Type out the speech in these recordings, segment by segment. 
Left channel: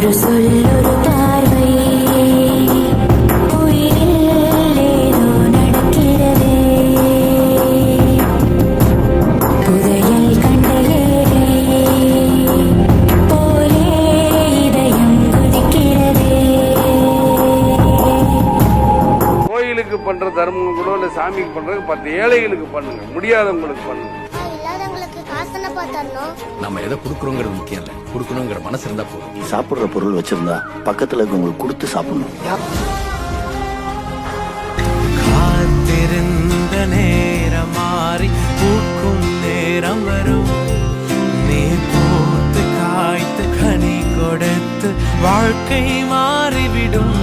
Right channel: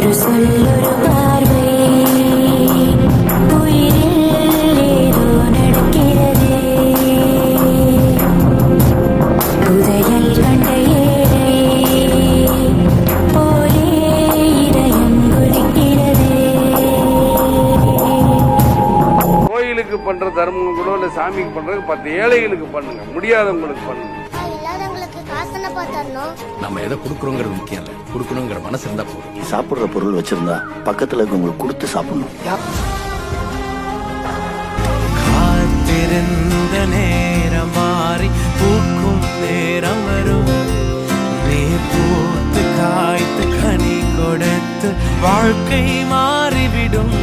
ஒரு சொல் ஒரு பார்வை உயிரில் ஏதோ நடக்கிறதே புதையல் கண்ட ஏழை போலே இதயம் குதிக்கிறதே. கோயிலுக்கு பண்ற தர்மம் கூட இல்ல சாமிக்கு பண்றது 10 ஏழைகளுக்கு பண்ணுங்க, முடியாதவங்களுக்கு பண்ணுங்க. இல்லாதவங்களுக்கு காசு என்னப்பா தரணும்? நம்ம எதை கொடுக்கறோங்கிறது முக்கியம் இல்ல, கொடுக்கணுங்கிற மனசு இருந்தா போதும். நீ சாப்பிடுற பொருள் வச்சிருந்தா பக்கத்துல இருக்கவங்களுக்கு கொடுத்து சாப்பிடணும். காத்திருந்த நேரம் மாறி பூக்கும் நேரம் வரும். நீ பூத்து காய்த்து கனி கொடுத்து வாழ்க்கை மாறிவிடும்.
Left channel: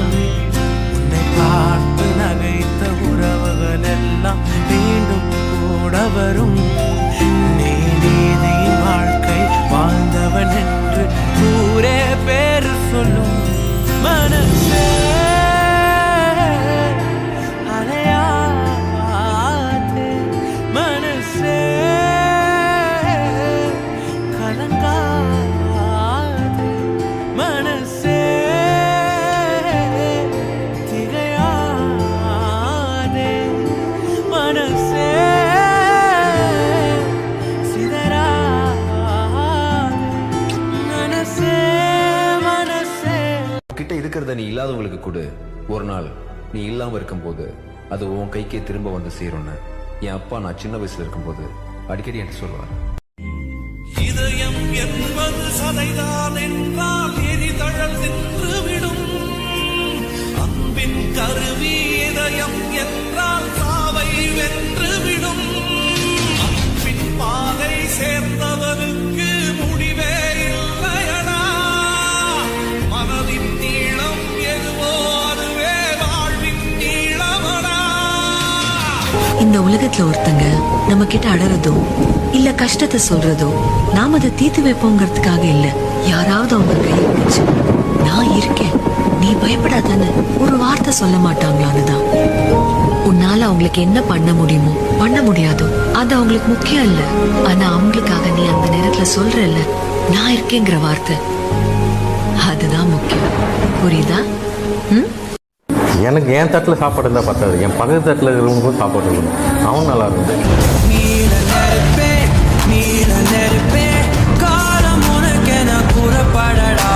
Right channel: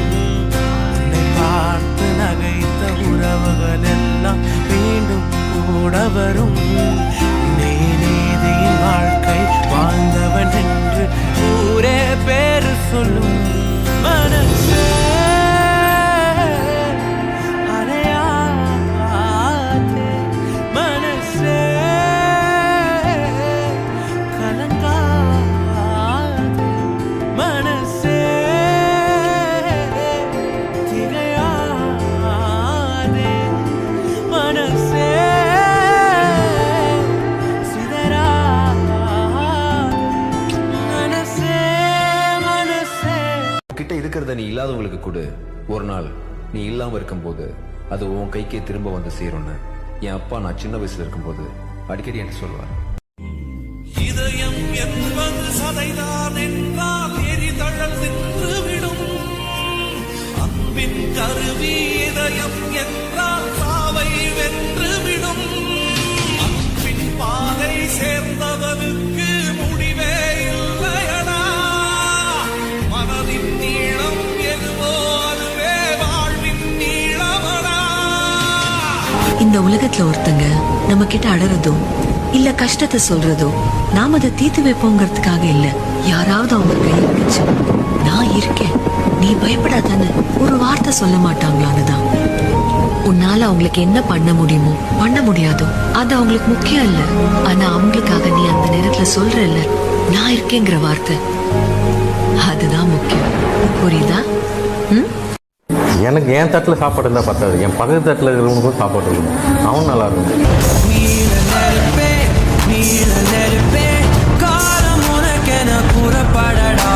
உன்னை பார்த்து நகைத்த உறவுகள் எல்லாம் மீண்டும் கூட வரும். நீ நீதியின் வாழ்க்கை வாழ்ந்தவன் என்று ஊரே பேரு சொல்லும். மனசே அலையாதே, மனசே கலங்காதே, மனசே திகையாதே, மனசே சிதறாதே, மனசே மனசே. கிட்ட இருக்கிறத நீ இல்லாதவங்களுக்கு கொடு. ஒரு நாள் நீ இல்லாம இருக்கும்போது அது உன் கைக்கே திரும்ப வந்து சேரும்னு என் அப்பா நான் சின்ன வயசுல இருக்கும்போது அடிக்கடி என்று சொல்வார். இதயம் என்பது சதைதான் என்றால் எரிதழல் நின்றுவிடும். அன்பின் கருவி இதயம் என்றால் சாவை வென்றுவிடும். அன்பின் பாதை சேர்ந்தவனுக்கு முடிவே இல்லையடா. மனதின் நீளம் எதுவோ அதுவே வாழ்வின் நீளமடா. இந்த உலகத்துல ஒருத்தங்க நம்ம கிட்ட அடறதோ இல்ல கஷ்டத்தை சொல்றதோ நாம அதை தீர்த்து வைப்போங்கிறதுக்காக இல்ல. யாராவது அவங்க கையை பிடிச்சு நான் இருக்கேன் நீ பயப்படாதான்னு ஒரு வார்த்தை சொல்ல மாட்டாங்களான்னுதான். உன்னால அவங்களுக்கு என்ன பண்ண முடியுமோ பண்ண முடியாதோ அது அவங்களுக்கு முக்கியம் இல்ல. ஆனா அவங்களுக்காக நீ அந்த நேரத்துல சொல்றல்ல நான் இருக்கேங்கிற வார்த்தை, அதுதான் முக்கியம். புரியுதா? எனக்கு என் தட்டில் சாப்பாடு இருந்தால் பத்தாது, என் பக்கத்து தட்டில் இருக்கிறவங்களுக்கும் சாப்பாடு இருக்கணும். அவன் நல்லா இருக்கணும். நீல நெருப்பே நீல நெருப்பே காலம் உனக்கென புறப்படடா.